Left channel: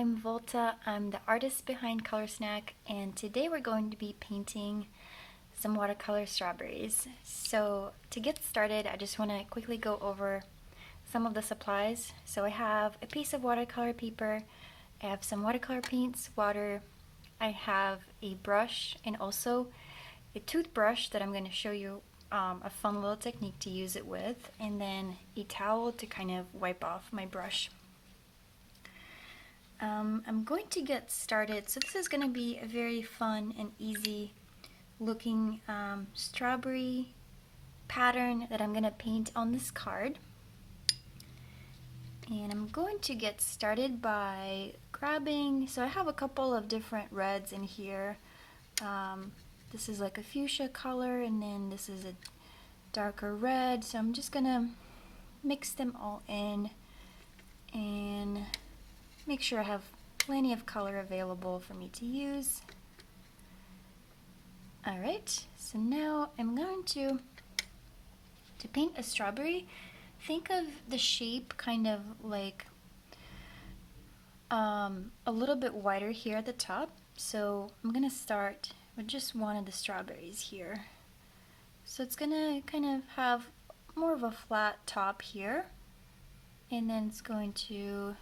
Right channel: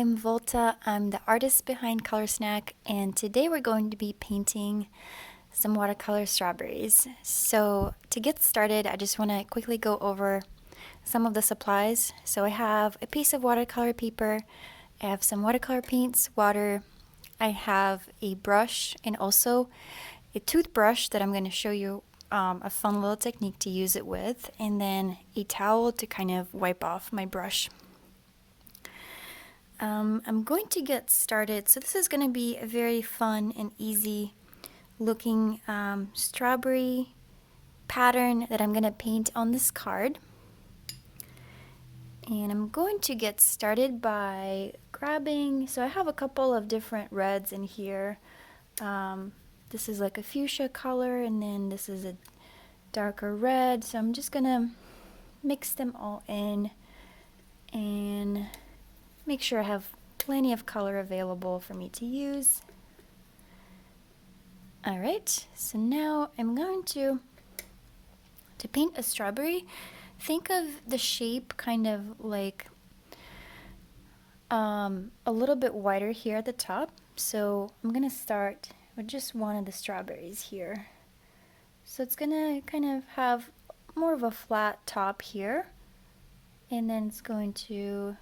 I'm Volta. I'm the artist behind Color Snack, and today we're going to be painting some watercolor strawberries. So to get started, I just want to quickly go over some of the supplies. So I have a piece of watercolor paper, I have some watercolor paints, water, I have a brush, and also a toothbrush that I'm going to show you a fun little technique to use it with, and then a towel to kind of wipe off my brush. I'm going to get started. So this is going to be a very fun and easy looking strawberry pattern that I'm going to paint on this card. And I'm going to get started by grabbing, so I have a couple of different reds in here. This is like a fuchsia color, and then this is a darker red. So I'm just going to mix them all in and make sure I have plenty of color available for me to use. Alright, so now I'm going to paint a strawberry. Think of the shape kind of like a little bit wider here at the top. So I'm going to start with just one of the strawberries here. So it's going to kind of have more of a flat top here, and then it's going to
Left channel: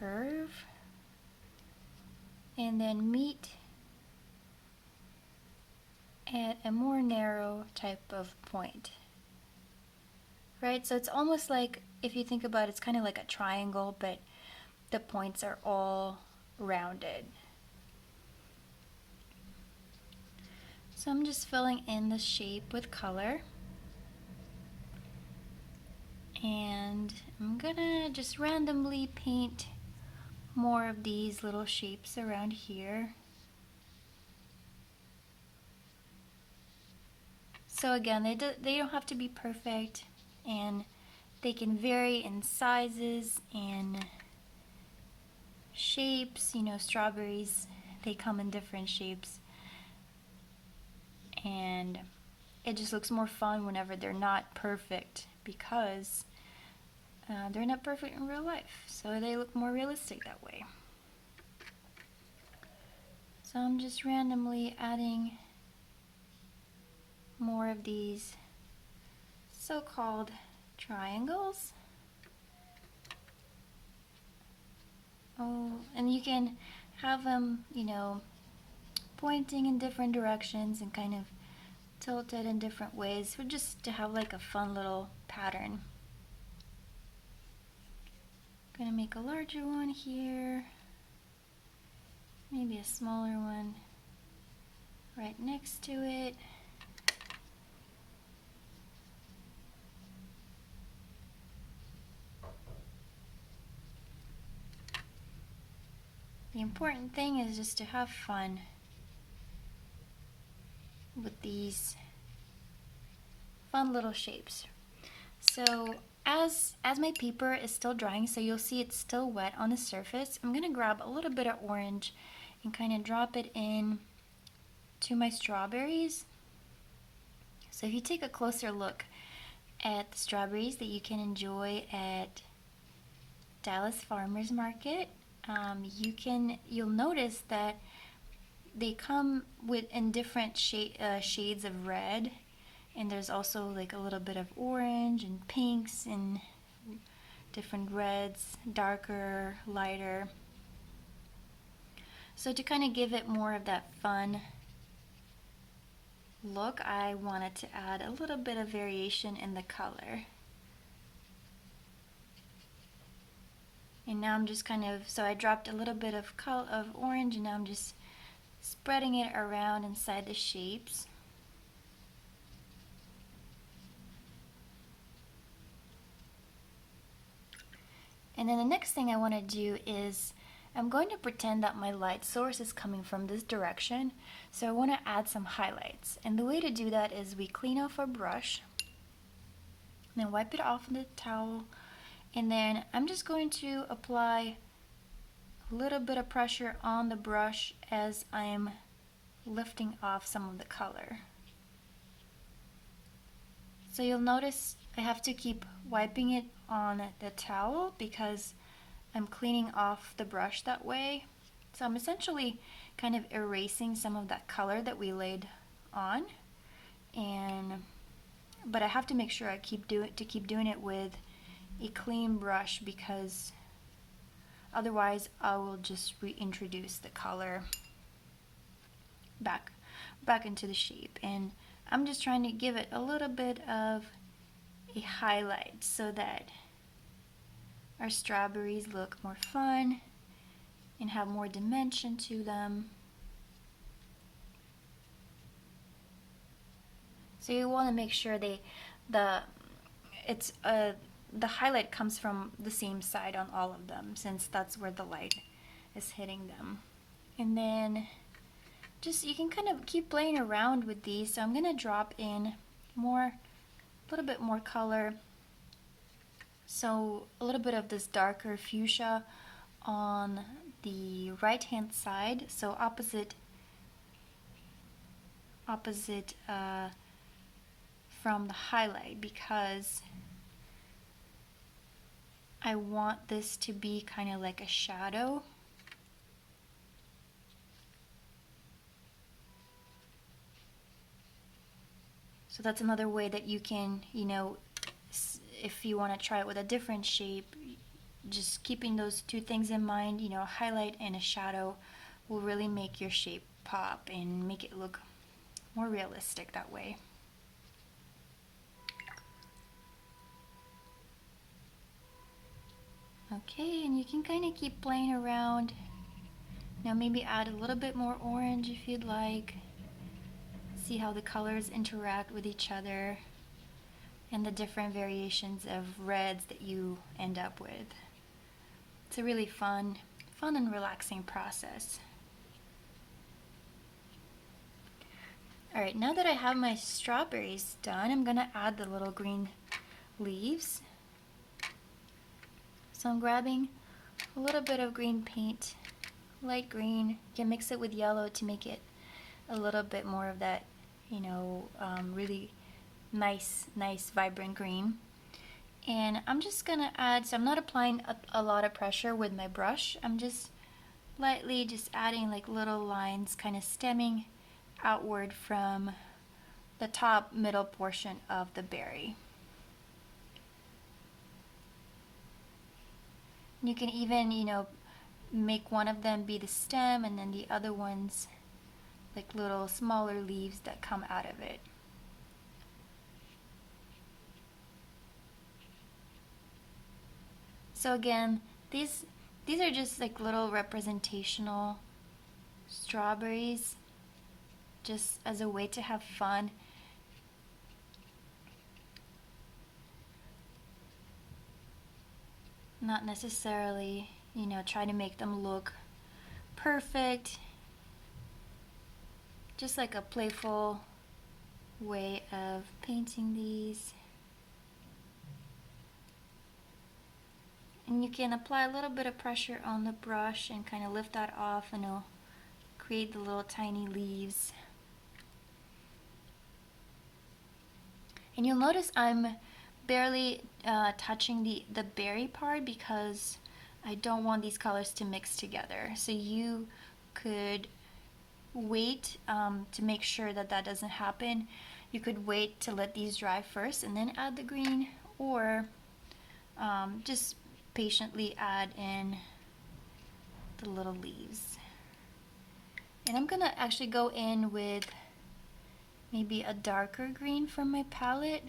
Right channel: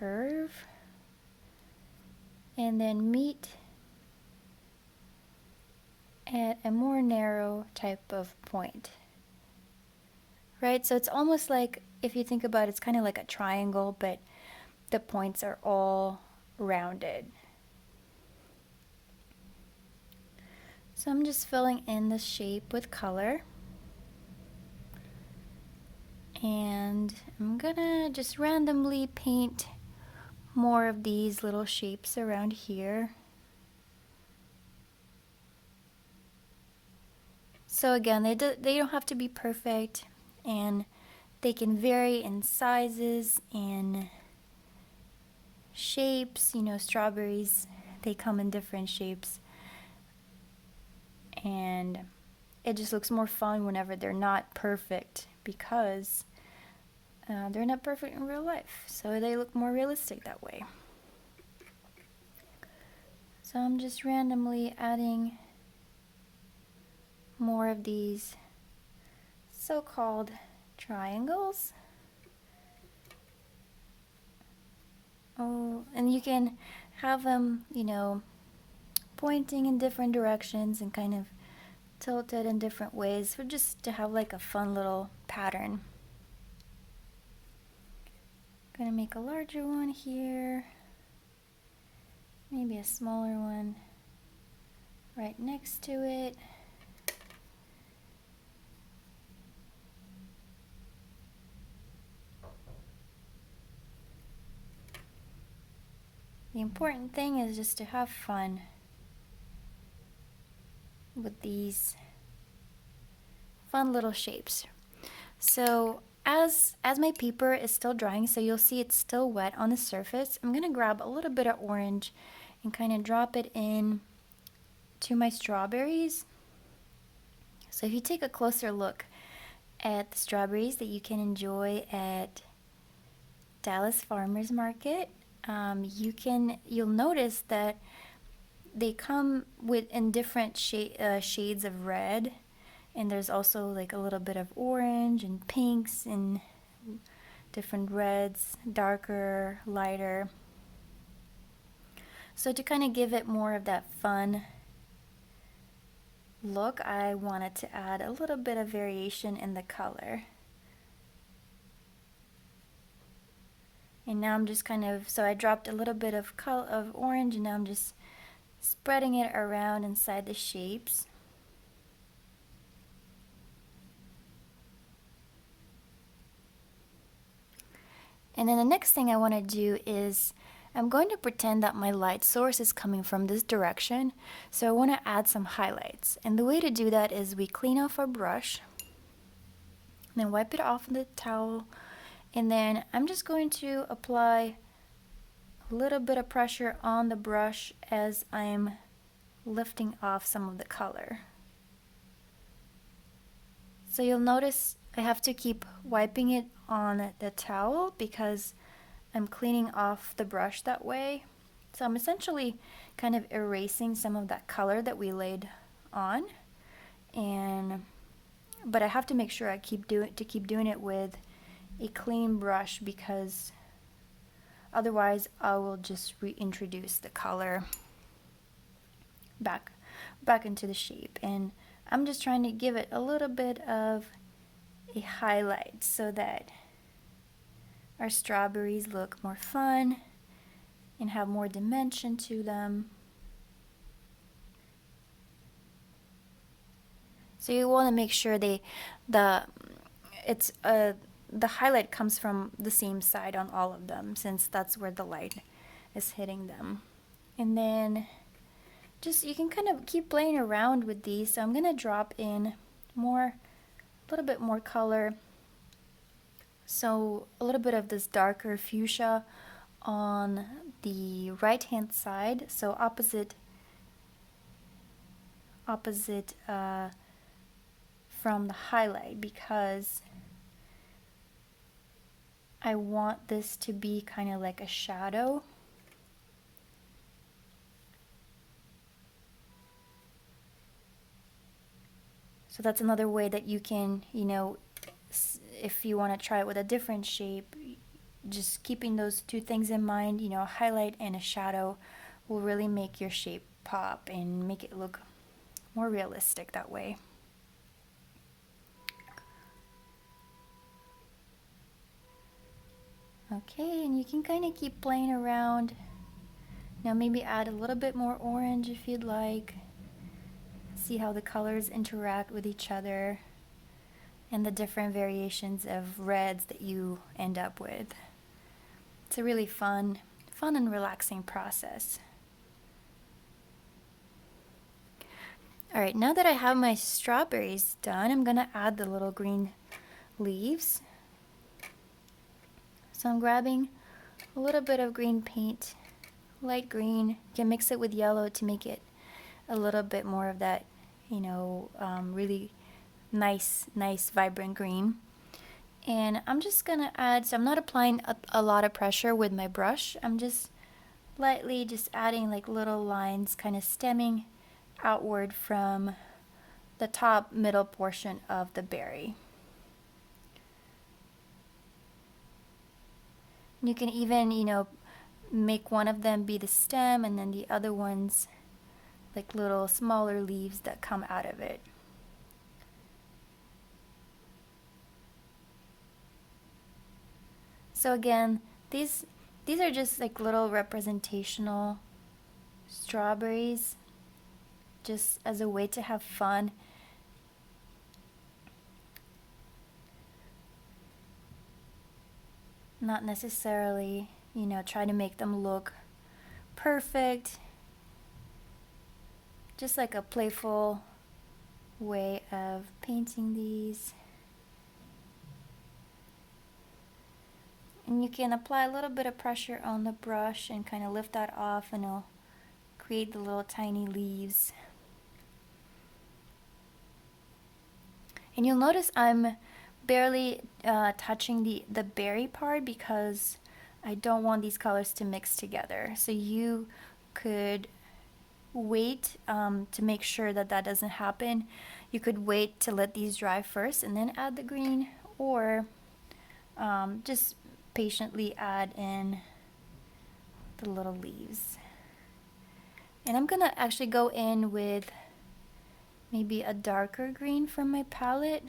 curve and then meet at a more narrow type of point. Right, so it's almost like, if you think about it, it's kind of like a triangle, but the points are all rounded. So I'm just filling in the shape with color. And I'm gonna just randomly paint more of these little shapes around here. So again, they don't have to be perfect, and they can vary in sizes and shapes. You know, strawberries, they come in different shapes, and it just looks more fun whenever they're not perfect, because they're not perfect in real life, so they look more realistic that way. So I'm just randomly adding more of these so-called triangles. Oh, and you can have them, you know, pointing in different directions and kind of tilted in different ways, for just to have like a fun little pattern. Gonna make a larger one here, maybe a smaller one right next to it. The important thing is just to have fun with these fun little shapes. So as my paper is still drying, so you'll see it's still wet on the surface, I'm gonna grab a little bit of orange and kind of drop it in to my strawberries. So if you take a closer look at the strawberries that you can enjoy at Dallas Farmers Market, you'll notice that they come in different shades of red, and there's also like a little bit of orange and pinks and different reds, darker, lighter. So to kind of give it more of that fun look, I wanted to add a little bit of variation in the color. And now I'm just kind of, so I dropped a little bit of orange, and now I'm just spreading it around inside the shapes. And then the next thing I want to do is, I'm going to pretend that my light source is coming from this direction. So I want to add some highlights. And the way to do that is we clean off our brush, then wipe it off with a towel, and then I'm just going to apply a little bit of pressure on the brush as I'm lifting off some of the color. So you'll notice I have to keep wiping it on the towel, because I'm cleaning off the brush that way. So I'm essentially kind of erasing some of that color that we laid on, but I have to make sure I keep doing it with a clean brush, because otherwise I will just reintroduce the color back into the shape. And I'm just trying to give it a little bit of a highlight so that our strawberries look more fun and have more dimension to them. So you want to make sure the highlight comes from the same side on all of them, since that's where the light is hitting them. And then you can kind of keep playing around with these. So I'm going to drop in a little bit more color. So a little bit of this darker fuchsia on the right hand side, so opposite from the highlight, because I want this to be kind of like a shadow. So that's another way that you can, if you want to try it with a different shape, just keeping those two things in mind, a highlight and a shadow will really make your shape pop and make it look more realistic that way. Okay, and you can kind of keep playing around. Now maybe add a little bit more orange if you'd like. See how the colors interact with each other and the different variations of reds that you end up with. It's a really fun and relaxing process. Alright, now that I have my strawberries done, I'm going to add the little green leaves. So I'm grabbing a little bit of green paint, light green. You can mix it with yellow to make it a little bit more of that, really nice vibrant green. And I'm just gonna add, so I'm not applying a lot of pressure with my brush. I'm just lightly adding like little lines, kind of stemming outward from the top middle portion of the berry. You can even, make one of them be the stem and then the other ones like little smaller leaves that come out of it. So again, these are just like little representational strawberries, just as a way to have fun. Not necessarily, try to make them look perfect. Just like a playful way of painting these. And you can apply a little bit of pressure on the brush and kind of lift that off, and it'll create the little tiny leaves. And you'll notice I'm barely touching the berry part, because I don't want these colors to mix together. So you could wait to make sure that doesn't happen. You could wait to let these dry first and then add the green, or just patiently add in the little leaves. And I'm gonna actually go in with maybe a darker green from my palette,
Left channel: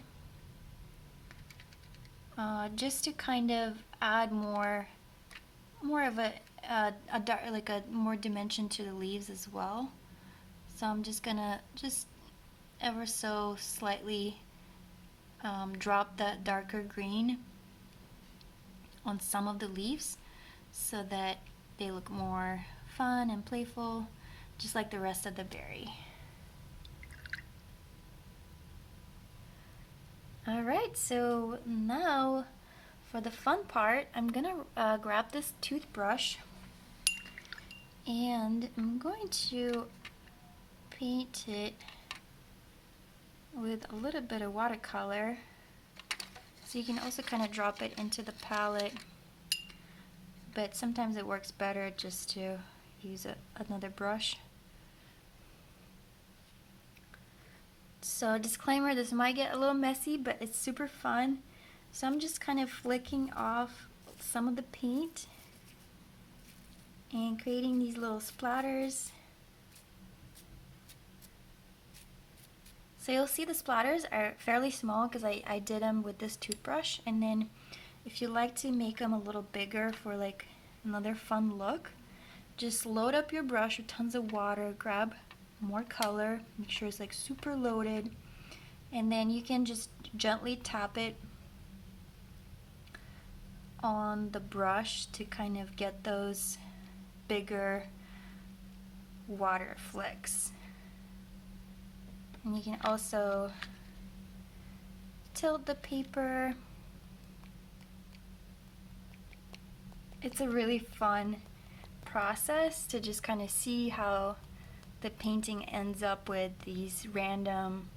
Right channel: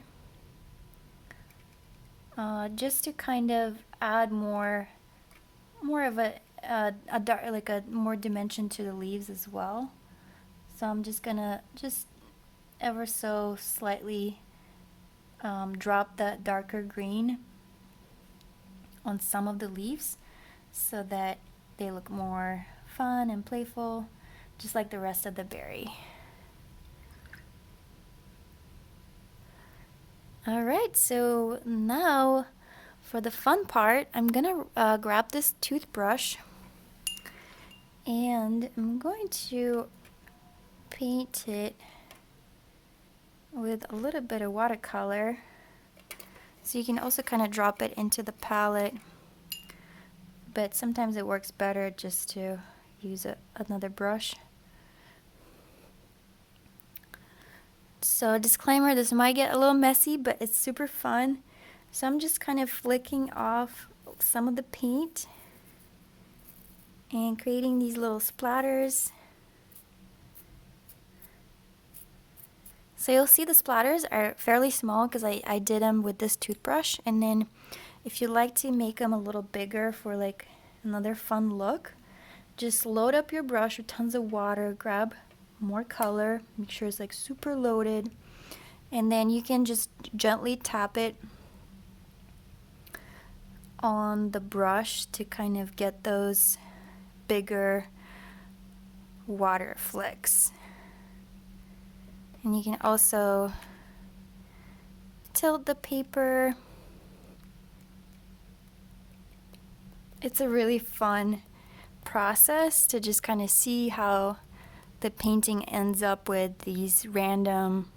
just to kind of add more of a dark, like a more dimension to the leaves as well. So I'm just gonna ever so slightly drop that darker green on some of the leaves so that they look more fun and playful, just like the rest of the berry. Alright, so now for the fun part, I'm gonna grab this toothbrush and I'm going to paint it with a little bit of watercolor. So you can also kind of drop it into the palette but sometimes it works better just to use another brush. So disclaimer, this might get a little messy, but it's super fun. So I'm just kind of flicking off some of the paint and creating these little splatters. So you'll see the splatters are fairly small because I did them with this toothbrush, and then if you like to make them a little bigger for like another fun look, just load up your brush with tons of water, grab more color, make sure it's like super loaded, and then you can just gently tap it on the brush to kind of get those bigger water flecks. And you can also tilt the paper. It's a really fun process to just kind of see how the painting ends up with these random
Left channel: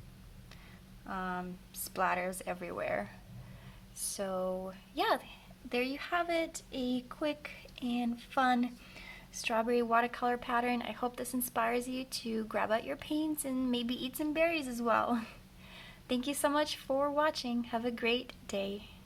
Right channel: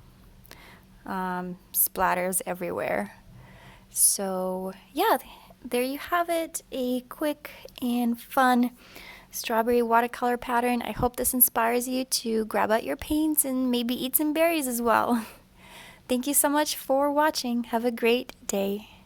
splatters everywhere. So yeah, there you have it, a quick and fun strawberry watercolor pattern. I hope this inspires you to grab out your paints and maybe eat some berries as well. Thank you so much for watching. Have a great day.